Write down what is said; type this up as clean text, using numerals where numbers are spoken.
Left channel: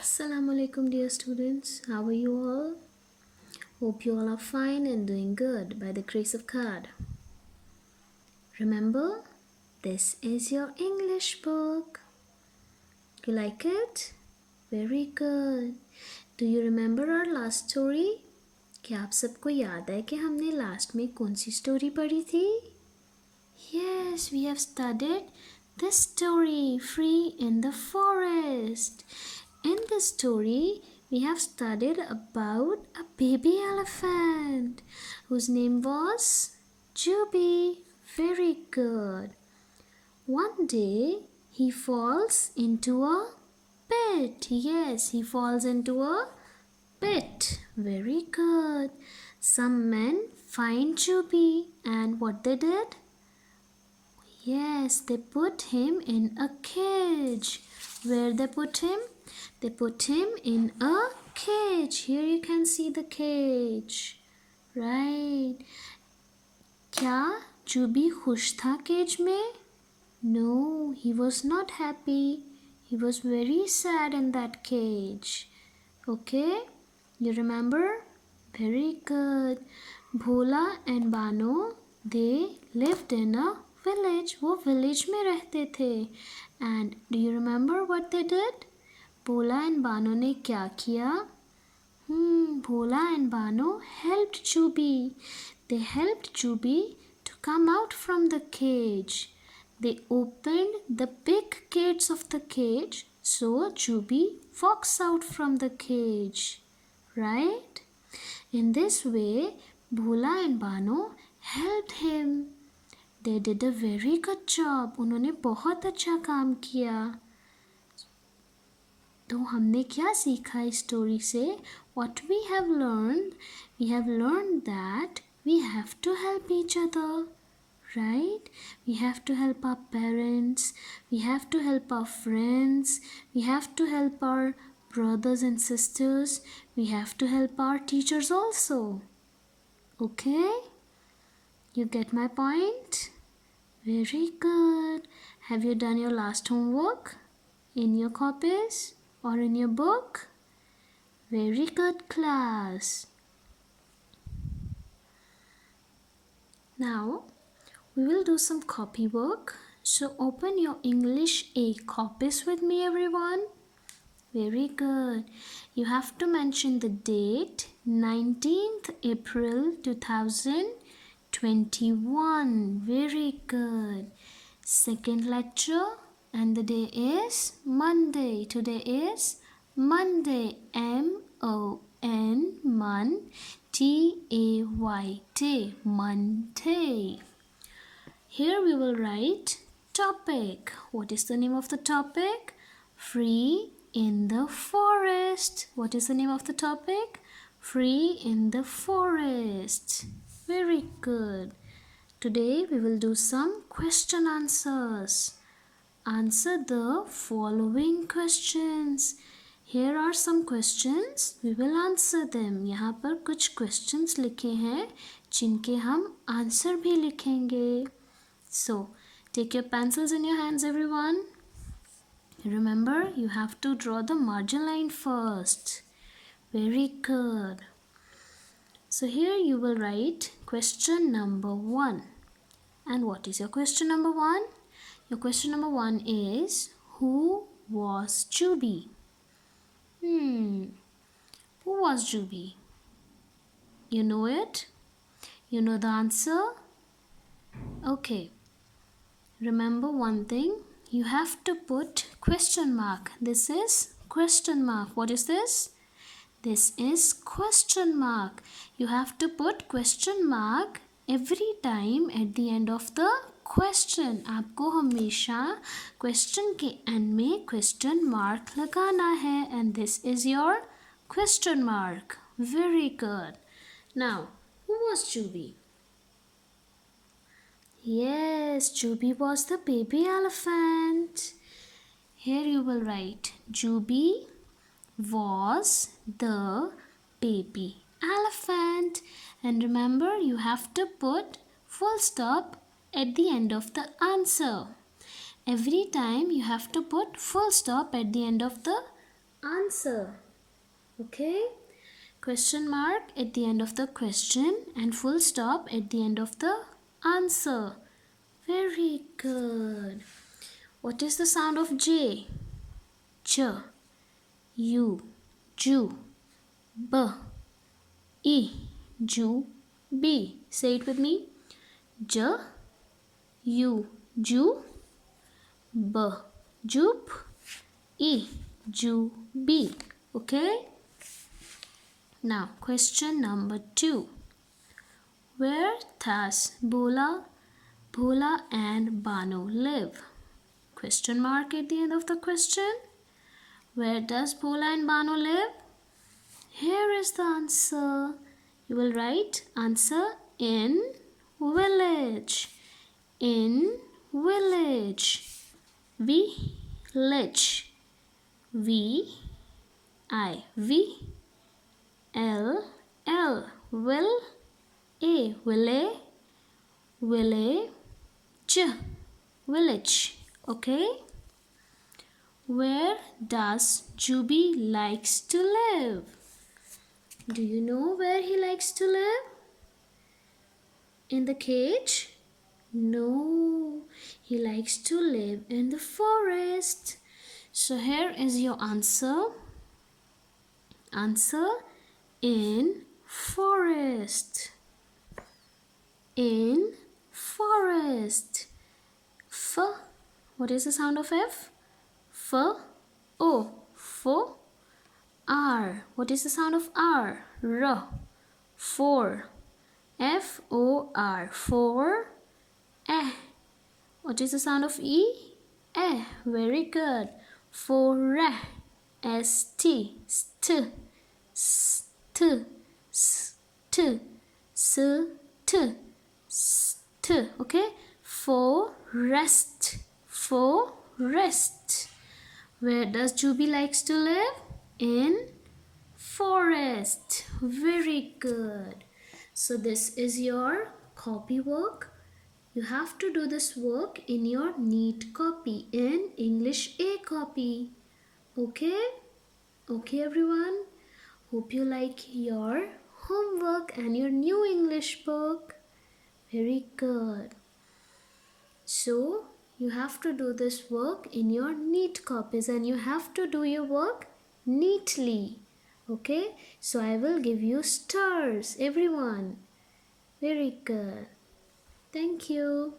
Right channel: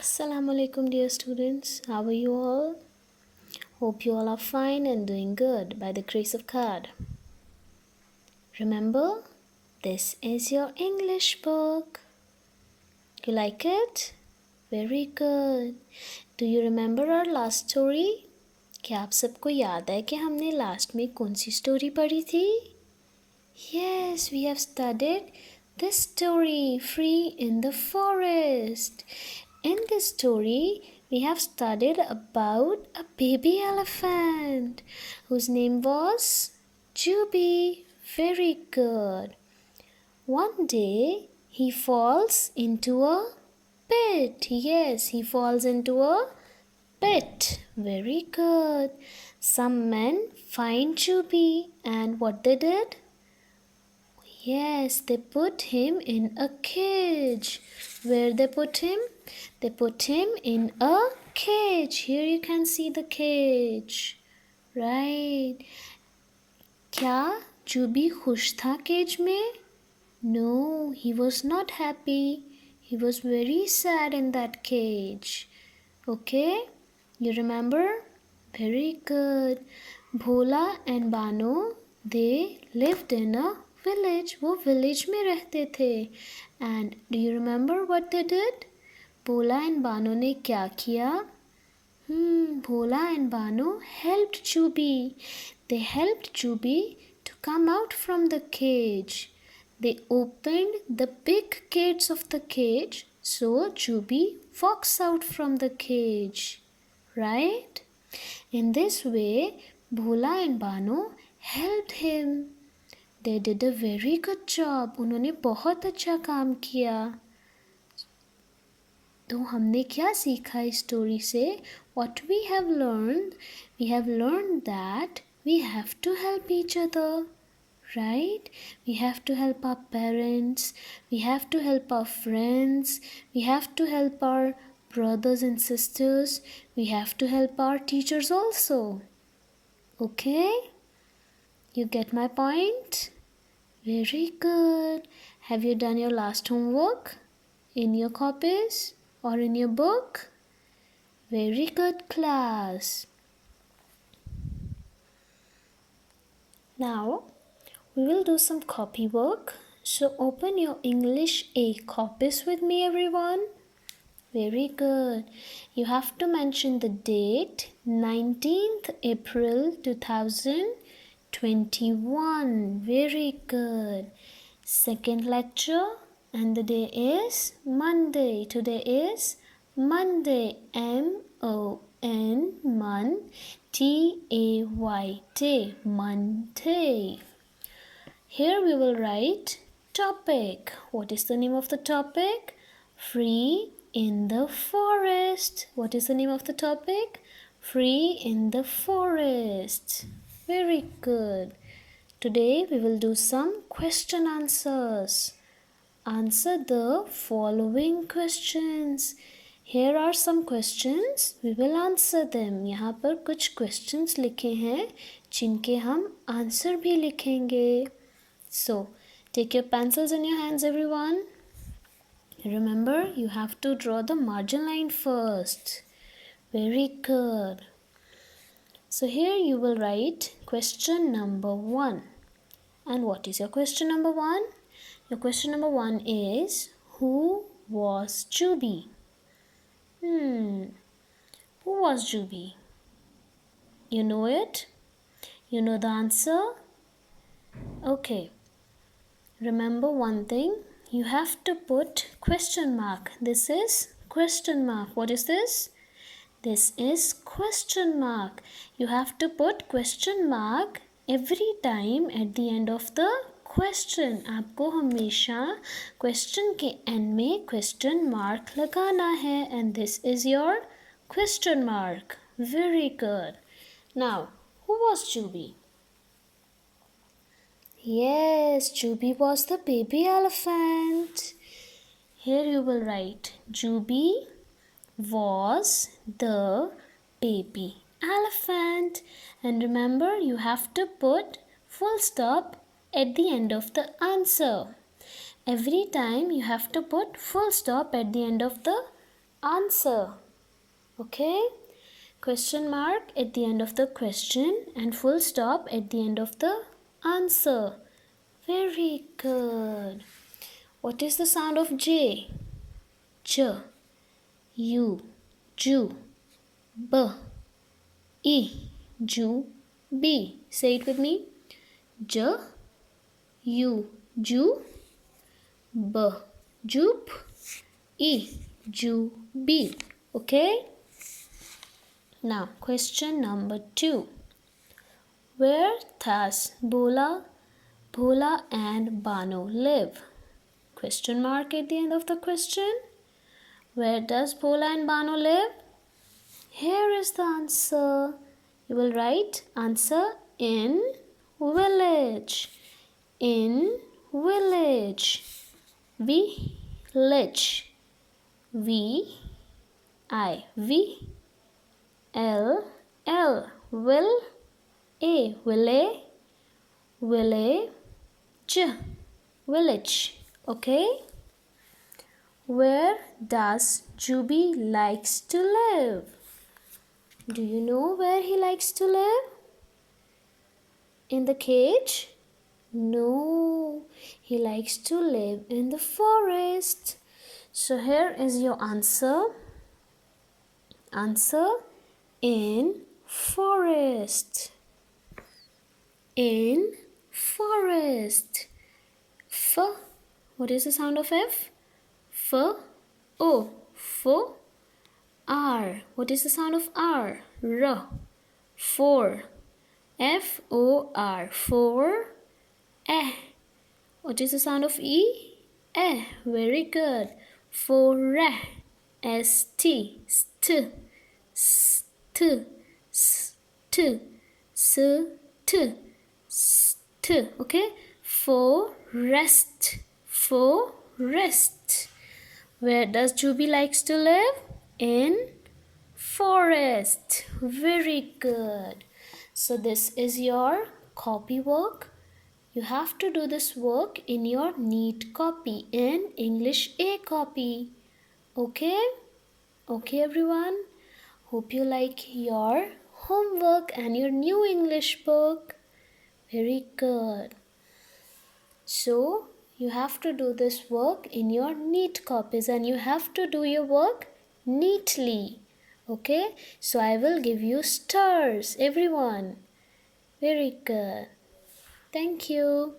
Assalamu alaikum, dear students. How are you all? Hope you all are fine and doing good by the grace of God. Remember, this is your English book. You like it? Very good. Do you remember our last story? क्या आप सबको याद है कि हमने last में कौन सी story पढ़ी थी? Yes, we have studied this story, Free in the Forest. In this story, we have studied about a baby elephant whose name was Juby. Very good. One day, he falls into a pit. Yes, he falls into a pit. Very good. Some men find Juby, and what they did? Yes, they put him in a cage. Where they put him? They put him in a cage. Here you can see the cage. Right. क्या जूबी खुश था cage में? No, he was not happy. He was very sad in that cage. Okay? You remember? Very good. Bhola and Bano, they lived in a village. वो village में रहते थे. And do you remember what they did? Bhola and Bano ने क्या किया? Bhola and Bano helped Juby. They helped Juby to come out from the cage. They opened the big gates of the cage so Juby walks out from the cage. Right? In this way, Bhola and Bano helped him. They did a very good job. उन्होंने बहुत अच्छा काम किया. तो हमने क्या सीखा इस स्टोरी से? What we have learned? We have learned that we have to help each other. Right? We have to help our parents. We have to help our friends. We have to help our brothers and sisters. We have to help our teachers also. Okay? You get my point? Very good. Have you done your last homework in your copies or in your book? Very good, class. Now, we will do some copy work. So open your English A copies with me, everyone. Very good. You have to mention the date 19th April 2021. Very good. Second lecture and the day is Monday. Today is Monday. M-O-N Mon T-A-Y Day. Monday. Here we will write topic. What is the name of the topic? Free in the forest. What is the name of the topic? Free in the forest. Very good. Today we will do some question answers. Answer the following questions. Here are some questions. We will answer them. यहाँ पर कुछ questions लिखे हैं जिनके हम answer भी लिखेंगे. So, take your pencils in your hands, everyone. Remember, you have to draw the margin line first. Very good. So here you will write question number 1. And what is your question number 1? Your question number 1 is, who was Juby? Who was Juby? You know it? You know the answer? Okay. Remember one thing. You have to put question mark. This is question mark. What is this? This is question mark. You have to put question mark every time at the end of the question. आपको हमेशा question के end में question mark लगाना है. And this is your question mark. Very good. Now, who was Juby? Yes, Juby was the baby elephant. Here you will write Juby was the baby elephant. And remember, you have to put full stop at the end of the answer. Every time you have to put full stop at the end of the answer. Okay? Question mark at the end of the question and full stop at the end of the answer. Very good. What is the sound of J? J, U, Ju, B, E, Ju, B. Say it with me. J, U, Ju, B, Jup, E, Ju, B. Okay? Now, question number 2. Where does Bhola and Bano live? Question mark at the end of the question. Where does Bhola and Bano live? Here is the answer. You will write answer in village. In village. Village. V I V L L. Will A. Village. Village. Okay. Where does Juby likes to live? Do you know where he likes to live? In the cage? No, he likes to live in the forest. So here is your answer. Answer in forest. In forest. F. What is the sound of F? F. O. F. R. What is the sound of R? R. For. F-O-R. For. Eh. What is the sound of E? Eh. Very good. For. S-T. St. St. St. St. St. Okay. Forest. Forest. Where does Juby likes to live? In forest. Very good. So this is your copy work. You have to do this work in your neat copy, in English A copy. Okay? Okay everyone? Hope you like your homework and your new English book. Very good. So you have to do this work in your neat copies and you have to do your work neatly. Okay? So I will give you stars, everyone. Very good. Thank you.